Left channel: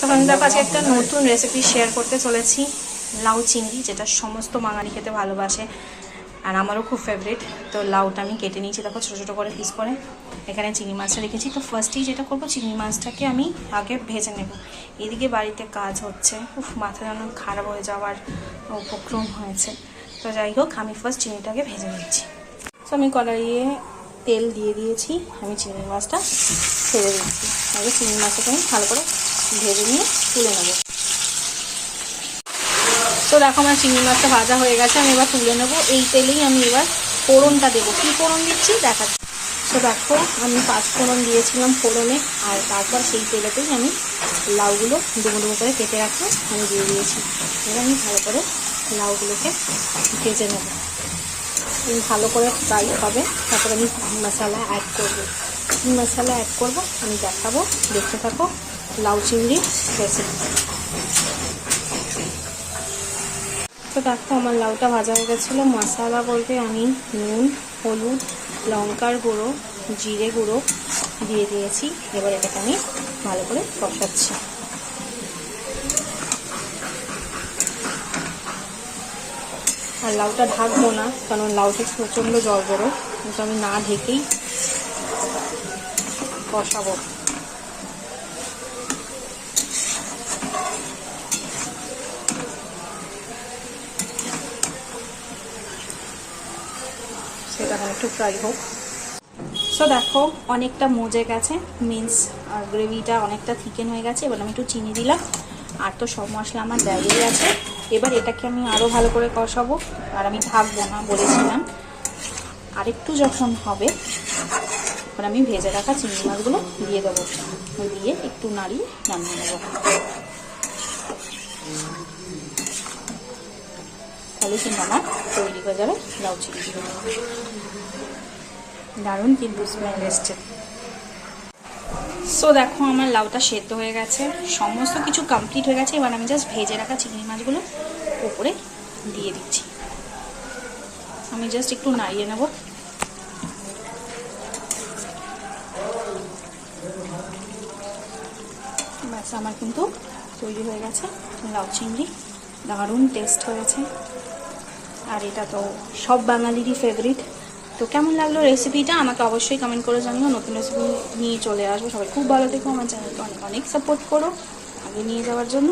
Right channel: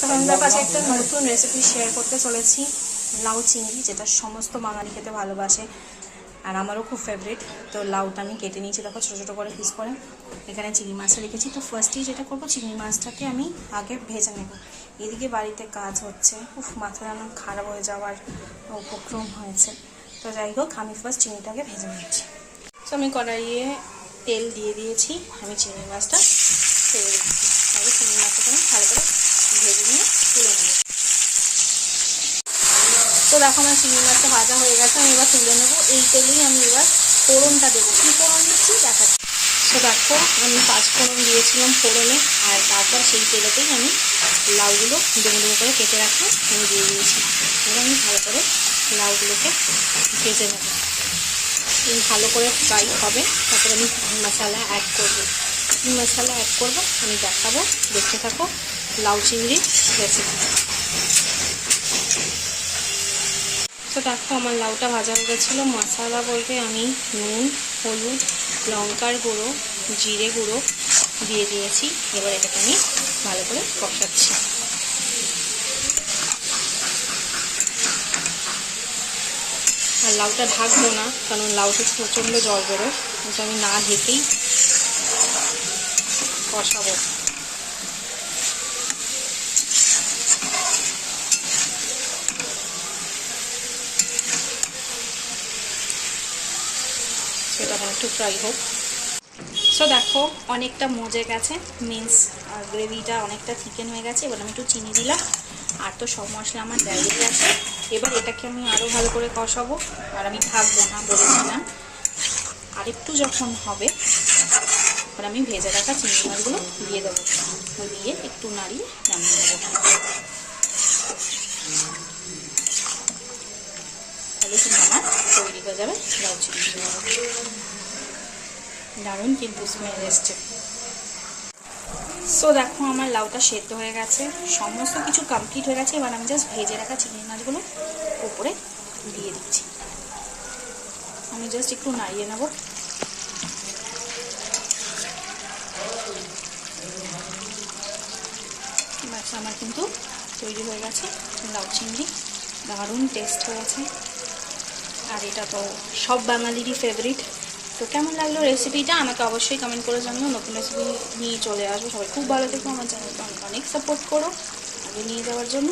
সকালদার কাছে একটা নতুন রেসিপি শেয়ার করতে চলেছি। লাউ চিংড়ি, যেটা সমস্ত বাঙালি খেতে ভালোবাসে আর আমারও খুব ফেভারিট তো লাউটা আমি কেটে নিয়েছি, দেখো ছোটো ছোটো করে পিস করে। এখানে চিংড়ি মাছটা রেখেছি। তো ফার্স্টেই যেটা করব, চিংড়ি মাছটাকে আমি আগে ভেজে নেব। এদিকে বাড়িতে কাজ হচ্ছে। উফ, মাথা যেন খারাপ হয়ে যাওয়ার উপক্রম হয়েছে। তো যাই হোক, আমি ফার্স্ট চিংড়িটাকে ভেজে নিচ্ছি। তো আমি কড়াইয়ে তেল দিয়ে দিয়েছি। আমি চিংড়ি মাছটা ছেড়ে দিচ্ছি। আগে চিংড়ি মাছটাকে আমি ভালো করে ভেজে নিয়ে তুলে নেব। তো দেখো আমার চিংড়ি মাছটা ভাজা হয়ে গেছে, আমি এবার তুলে নেব। এই তেলেই আমি এবার ফোড়নটা দেবো। কী ফোড়ন দিচ্ছি? দেখাচ্ছি। তো দেখো, আমি পাঁচ ফোড়ন দিয়েছিলাম ফোড়নে, আর তারপর সেই তেলেতেই আমি লাউগুলো ডুবো ডুবো করে কেটে রাখা আমি দিয়ে দিয়েছি। এবার আমি ভালো করে লাউগুলোকে ভেজে নেব। ভালো করে ফ্রাই হবে, তারপর আমি মশলা অ্যাড করব। কী মশলা অ্যাড করব, আমি দেখাবো। দেখতে থাকো, লাউ চিংড়ি রেসিপি তো দেখো, আমার লাউটা ভাজা হয়ে গেছিল। মশলা বলতে আমি নুন, হলুদ, লঙ্কার গুঁড়ো, জিরে গুঁড়ো দিয়ে দিয়েছি। এবার এটাকে আমি ভালো করে কষাচ্ছি। আর লাউটা ঢাকবো না, কারণ লাউটা প্রচণ্ড জল বেরোয়। আমি না ঢেকেই কষাবো। সেটা একটু ফ্রাই হোক। সো দেখো, অনেকটা মজে গেছে। মিন্স গ্রেভিটা অনেকটা থিকেন হয়ে গেছে। এবার আমি একটু চিনি দিলাম। আর তো সব মশলা আমার দেওয়াই আছে এবার এটাকে আমি আরও ভালো করে কষাবো। আর আমি থাকব না বলেছিলাম। আরেকটু যখন হবে এবার আমি ভেজে রাখা চিংড়ি মাছগুলো দিয়ে দেবো। দিয়ে একটু নাড়িয়ে নামিয়ে নেব। তাহলে কিন্তু আমার তৈরি হয়ে যাবে, লাউ চিংড়ি দারুণ কিন্তু স্মেল এসছে। সো দেখো আমার লাউটা সেদ্ধ হয়ে গেছে। সমস্ত কিছু কমপ্লিট হয়ে গেছে। এবার আমি জাস্ট ভেজে রাখা চিংড়ি মাছগুলো উপরে দিয়ে দিচ্ছি। আমি জাস্ট একটু নাড়িয়ে নেব। আমার কিন্তু তৈরি হয়ে গেছে। লাউ চিংড়ি, দারুণ টেস্ট হয়েছে আর এটা তো সব বাঙালিরই ফেভারিট তো কেমন লাগল রেসিপিটা আমাকে অবশ্যই কমেন্ট করে জানিও। নতুন রেসিপি নিয়ে চলে আসব। সবাই খুব ভালো থেকো। আমার চ্যানেলকে অনেক অনেক সাপোর্ট করো। আগে নিয়ে যাওয়ার জন্য।